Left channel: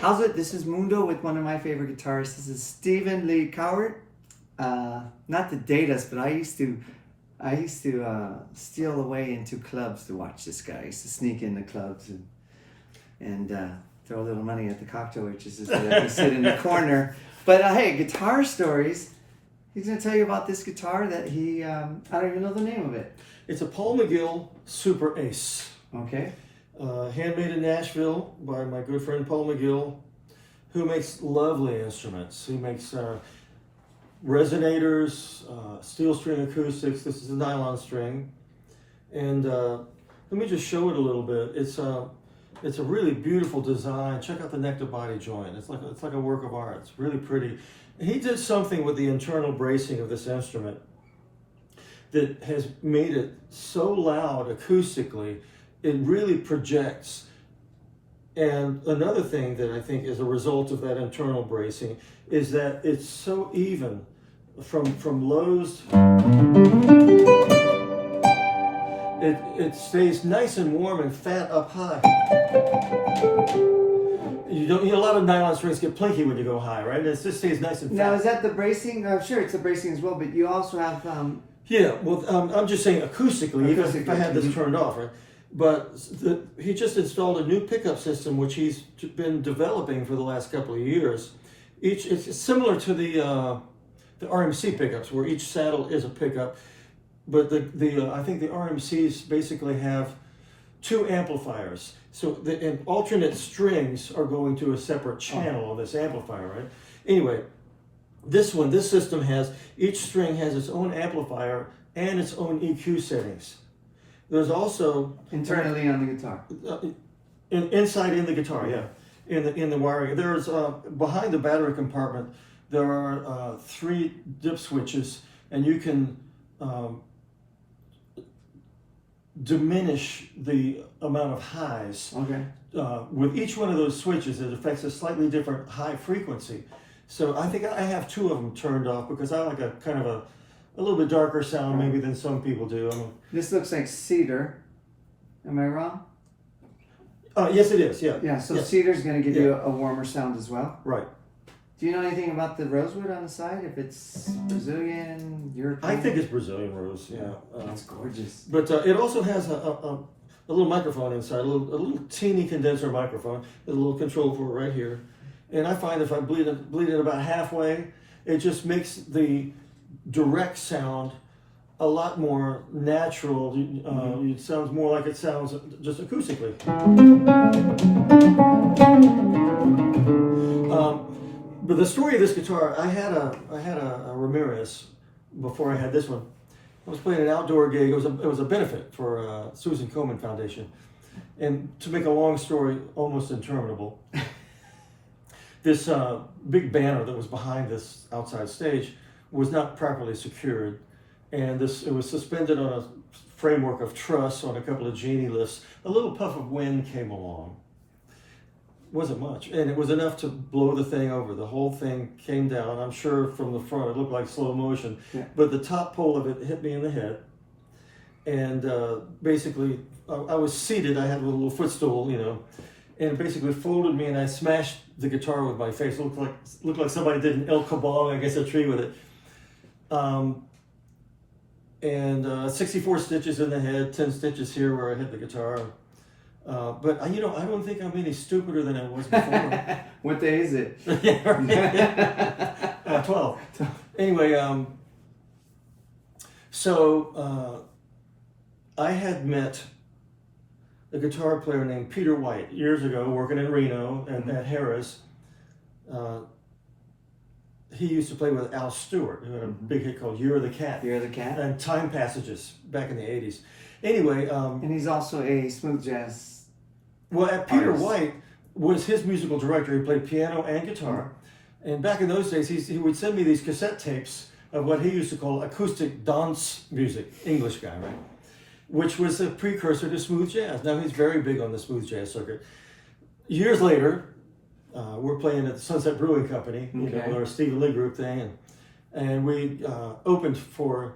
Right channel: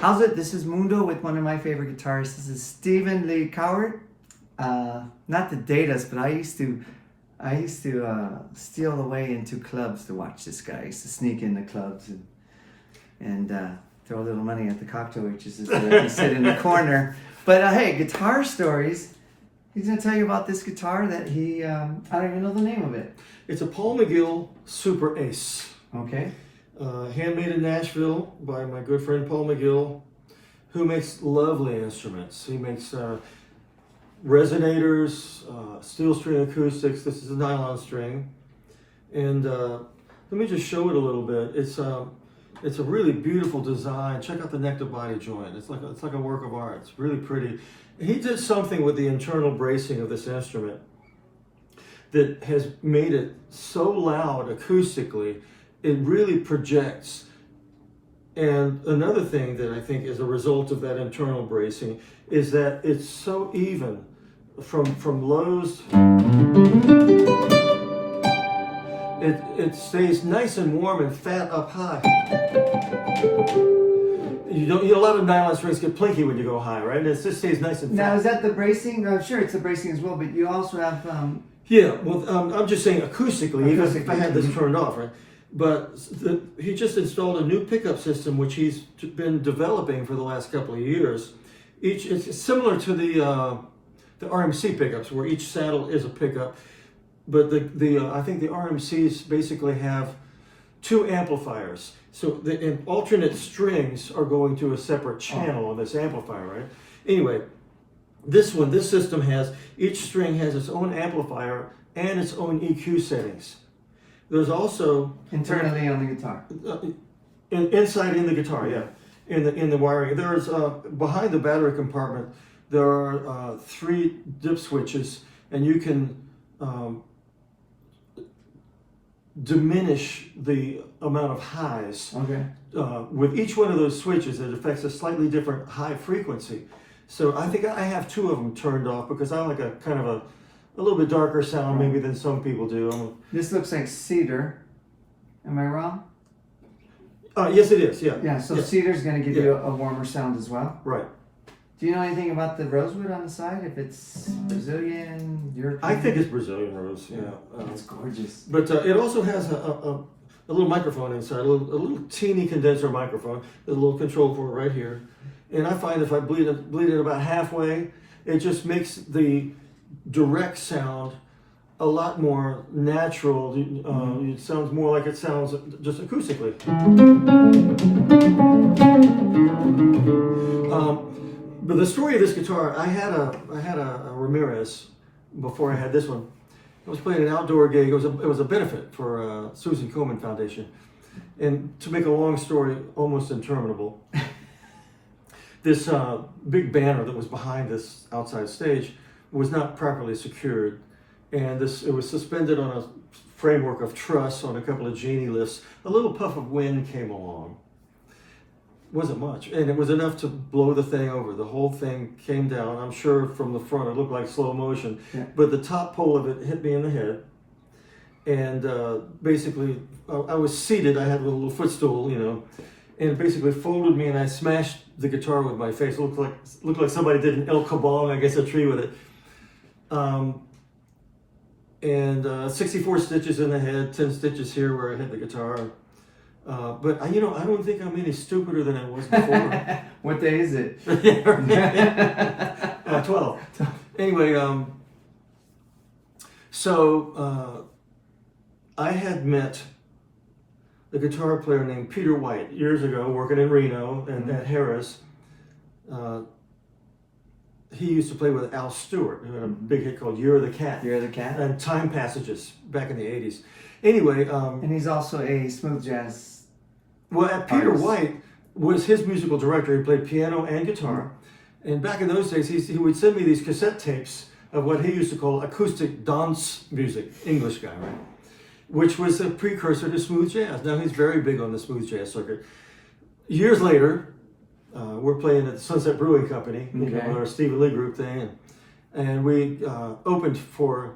How's it? This is Mundo with one of my favorite guitarists. This is Lee Cowart. Not to date us, but I used to steal away into clubs to watch this guy. I used to sneak into clubs and throw a little money at the cocktail waitresses that let me sit in the corner. But hey, Guitar Stories. He's going to tell you about this guitar that he, I don't even know the name of it. It's a McGill Super Ace. Okay. Handmade in Nashville by my good friend Paul McGill, who makes lovely instruments. He makes resonators, steel string acoustics. This is a nylon string. And let me just show it a little bit. It's a really beautiful design. Check out the neck to body joint. It's like a work of art. It's really pretty. He did something with the internal bracing of this instrument that has made it so loud acoustically, it really projects. And another thing that I think is a result of that internal bracing is that it's so even from lows. It stays nice and warm and fat up high. A lot of nylon strings get plinky when you go high, right? It just stays nice and fat. Now, is that the bracing? Sure, it's the bracing as well, but you also have... Yeah, well, I'm just saying acoustically, even if I had this turned off, right? But he just installed a new pickup system, which he's been developing for the last couple of years. It's similar to the RMC pickups, where each saddle is a pickup. But I think the RMCs basically have two amplifiers. So and alternate strings are going to a separate channel on this amplifier, right? Anyway, this system has, each string has its own amplifier and its own EQ settings. There's also internally on the guitar. Inside in the guitar, yeah. In the wiring. There's behind the battery compartment, there are 3 dip switches, and you can diminish the amount of highs. Okay. With each one of those switches, it affects a slightly different high frequency. So I think I have 2 of them turned off because I like a kind of a little bit darker sound maybe than some people do. This looks like cedar. Am I wrong? Yes, it is. Yeah. Yeah. So yes. cedar's going to give you a warmer sound as well. Right. Do you know anything about the rosewood on the side? If it's Brazilian, European? I think it's Brazilian rose. Yeah. It's gorgeous. But it also has a little microphone inside, a little teeny condenser microphone. There's a little control for it right here. And I find if I bleed it about halfway, it just makes the direct sound a lot more natural. It sounds more like it sounds just acoustically. But the story of this guitar, I had a Ramirez before I had this one. I was playing an outdoor gig. It was a benefit for Susan Komen Foundation. And to make a long story almost interminable, this big banner that was behind this outside stage was not properly secured, and it was suspended on a framework of truss on a couple of genie lifts. A little puff of wind came along. Wasn't much, and it was enough to blow the thing over. The whole thing came down. I'm sure from the front it looked like slow motion, but the top pole of it hit me in the head, and basically I was seated. I had a little footstool, and it basically folded me, and I smashed the guitar with my face. It looked like somebody did an El Kabong against a tree with it. And 64 stitches in the head, 10 stitches here where I hit the guitar. But I don't think I'm any stupider than I was before. What day is it? 12. Anyway, so I had met a guitar player named Peter White years ago, working in Reno and at Harris. He used to play with Al Stewart, who had a big hit called "You're the Cat." You're the Cat. And Time Passages back in the '80s. Anyway, and he's also a smooth jazz. Well, Peter White was his musical director. He played piano and guitar. And back in those days, he would send me these cassette tapes of what he used to call acoustic dance music. English guy, right? Which was a precursor to smooth jazz. Now he's very big on the smooth jazz circuit. Years later, we're playing at the Sunset Brewing Company, our Stephen Lee group thing, and we opened for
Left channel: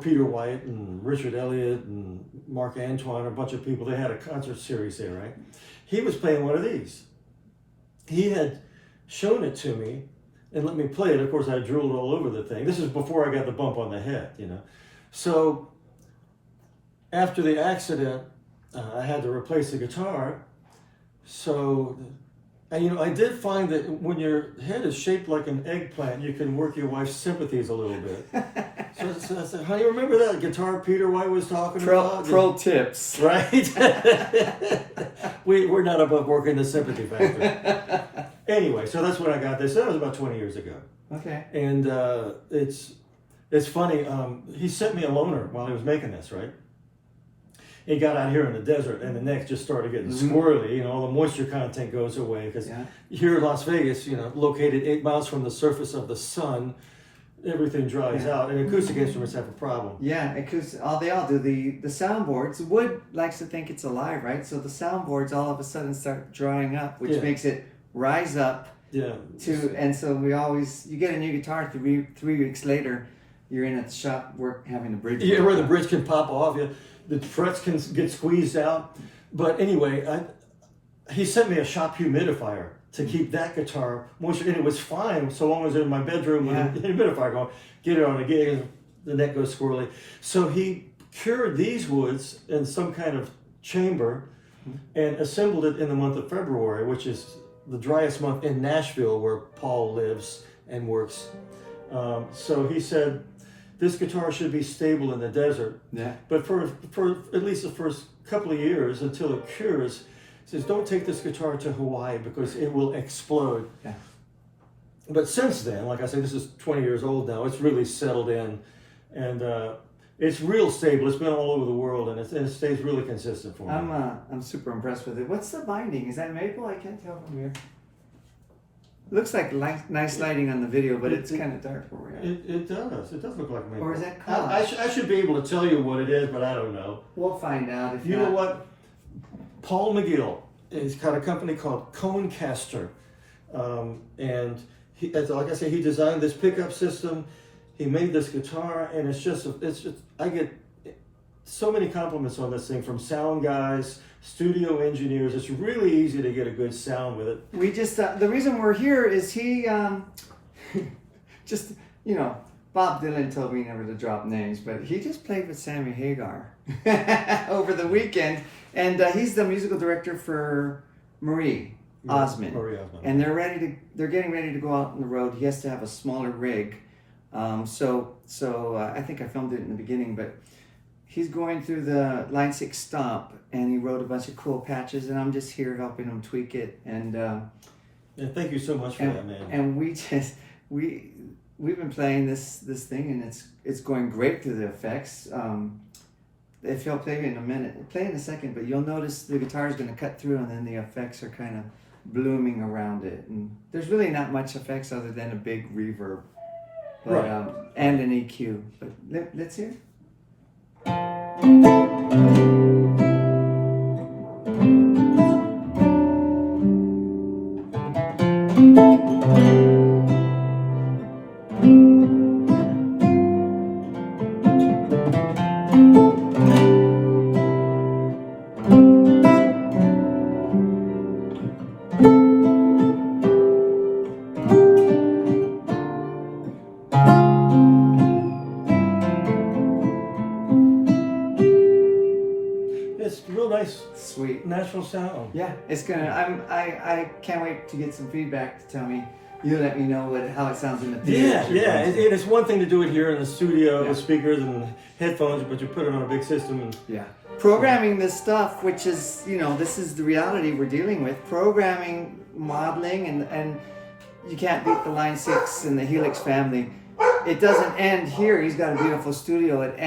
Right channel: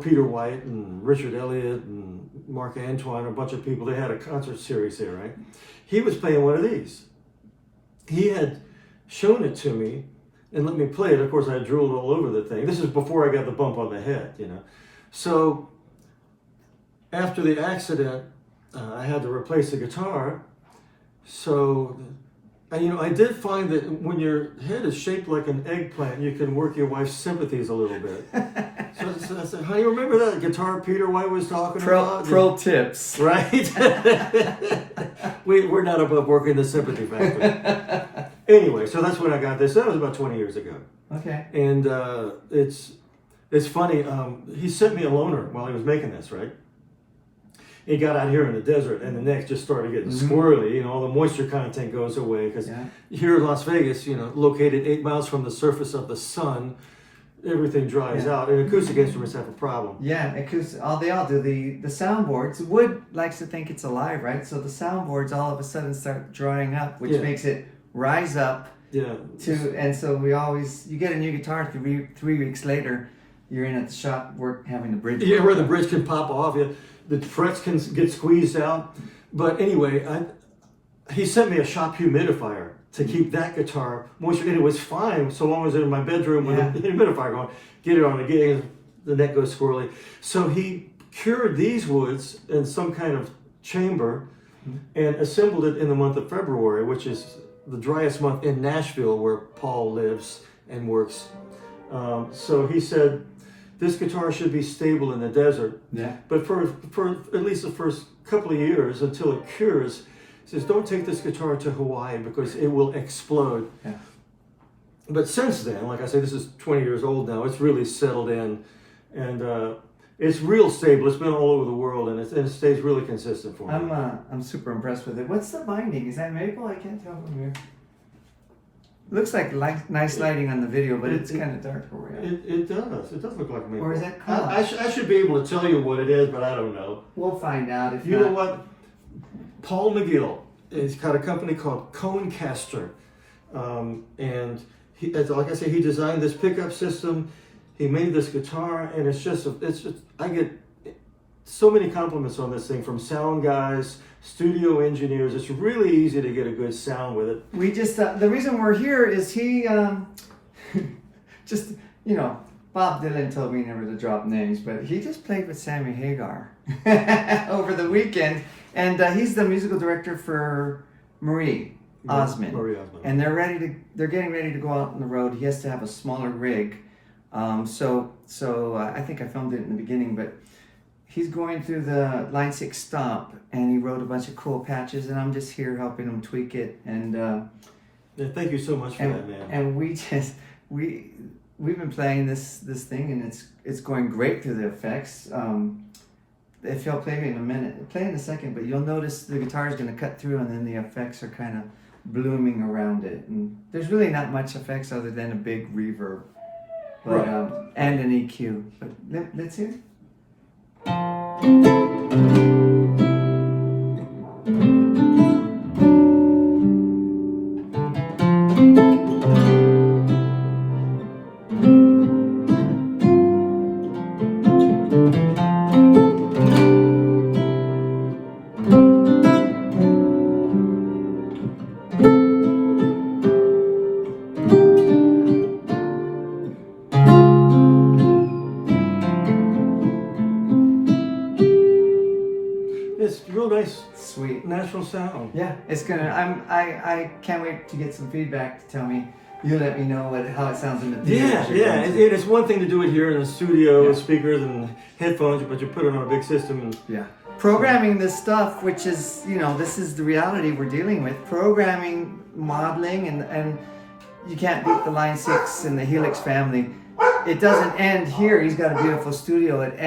Peter White and Richard Elliott and Mark Antoine, a bunch of people. They had a concert series there, right? He was playing one of these. he had shown it to me and let me play it. Of course, I drooled all over the thing. This is before I got the bump on the head, you know. So after the accident, I had to replace the guitar. So, and, you know, I did find that when your head is shaped like an eggplant, you can work your wife's sympathies a little bit. So I said, honey, remember that guitar Peter White was talking about? Pro tips. Right? We're not above working the sympathy factor. Anyway, so that's when I got this. That was about 20 years ago. Okay. And it's funny. He sent me a loaner while he was making this, right? He got out here in the desert, and the neck just started getting squirrely. You know, all the moisture content goes away because here in Las Vegas, you know, located 8 miles from the surface of the sun, everything dries out, and acoustic instruments have a problem. Yeah, because they all do. The soundboards, wood likes to think it's alive, right? So the soundboards all of a sudden start drying up, which makes it rise up. Yeah. And so you get a new guitar 3 weeks later, you're in a shop having the bridge. Yeah, where the bridge can pop off. Yeah. The frets can get squeezed out. But anyway, he sent me a shop humidifier to keep that guitar moisture. And it was fine so long as it was in my bedroom with the humidifier going. Get it on the gig, the neck goes squirrely. So he cured these woods in some kind of chamber and assembled it in the month of February, which is the driest month in Nashville where Paul lives and works. So he said, this guitar should be stable in the desert. Yeah. But for at least the first couple of years until it cures, he says, don't take this guitar to Hawaii because it will explode. Yeah. But since then, like I say, this is 20 years old now, it's really settled in. And it's real stable. It's been all over the world, and it stays really consistent for me. I'm super impressed with it. What's the binding? Is that maple? I can't tell from here. Looks like nice lighting on the video, but it's kind of dark for you. It does. It does look like maple. Or is that I should be able to tell you what it is, but I don't know. We'll find out. If you know what? Paul McGill has got a company called Conecaster, and he, like I said, he designed this pickup system. He made this guitar, and it's just I get so many compliments on this thing from sound guys, studio engineers. It's really easy to get a good sound with it. We just the reason we're here is he just, you know, Bob Dylan told me never to drop names, but he just played with Sammy Hagar over the weekend, and he's the musical director for Marie Osmond. Marie Osmond. And they're getting ready to go out on the road. He has to have a smaller rig. So I think I filmed it in the beginning, but he's going through the Line 6 Stomp, and he wrote a bunch of cool patches, and I'm just here helping him tweak it. And thank you so much for that, man. And we've been playing this thing, and it's going great through the effects. If you'll play in a second, but you'll notice the guitar is going to cut through, and then the effects are kind of blooming around it. And there's really not much effects other than a big reverb, but, and an EQ. But let's hear it. Sweet natural sound. Yeah, it's gonna. I can't wait to get some feedback to tell me. You let me know how it sounds in the theater. Yeah. It's one thing to do it here in the studio with speakers and headphones, but you put it on a big system. And programming this stuff, which is, you know, this is the reality we're dealing with. Programming, modeling, and you can't beat the Line 6 and the Helix family. It doesn't end here. He's got a beautiful studio. It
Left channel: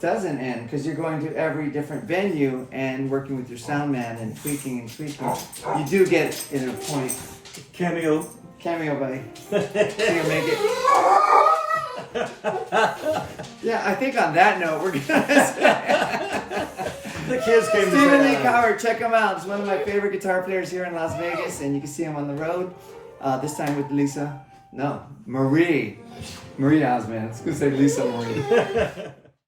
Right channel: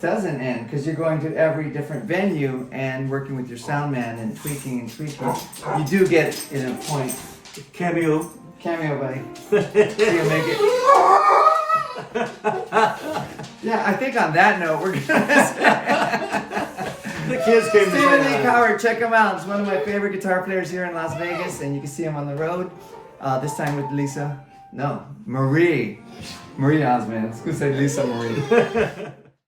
doesn't end because you're going to every different venue and working with your sound man and tweaking. You do get in a point. Cameo, buddy. See you make it. Yeah, I think on that note we're gonna. The kids came to say Lee Cowart, check him out. He's one of my favorite guitar players here in Las Vegas, and you can see him on the road. This time with Marie Osmond. I was gonna say Lisa Marie.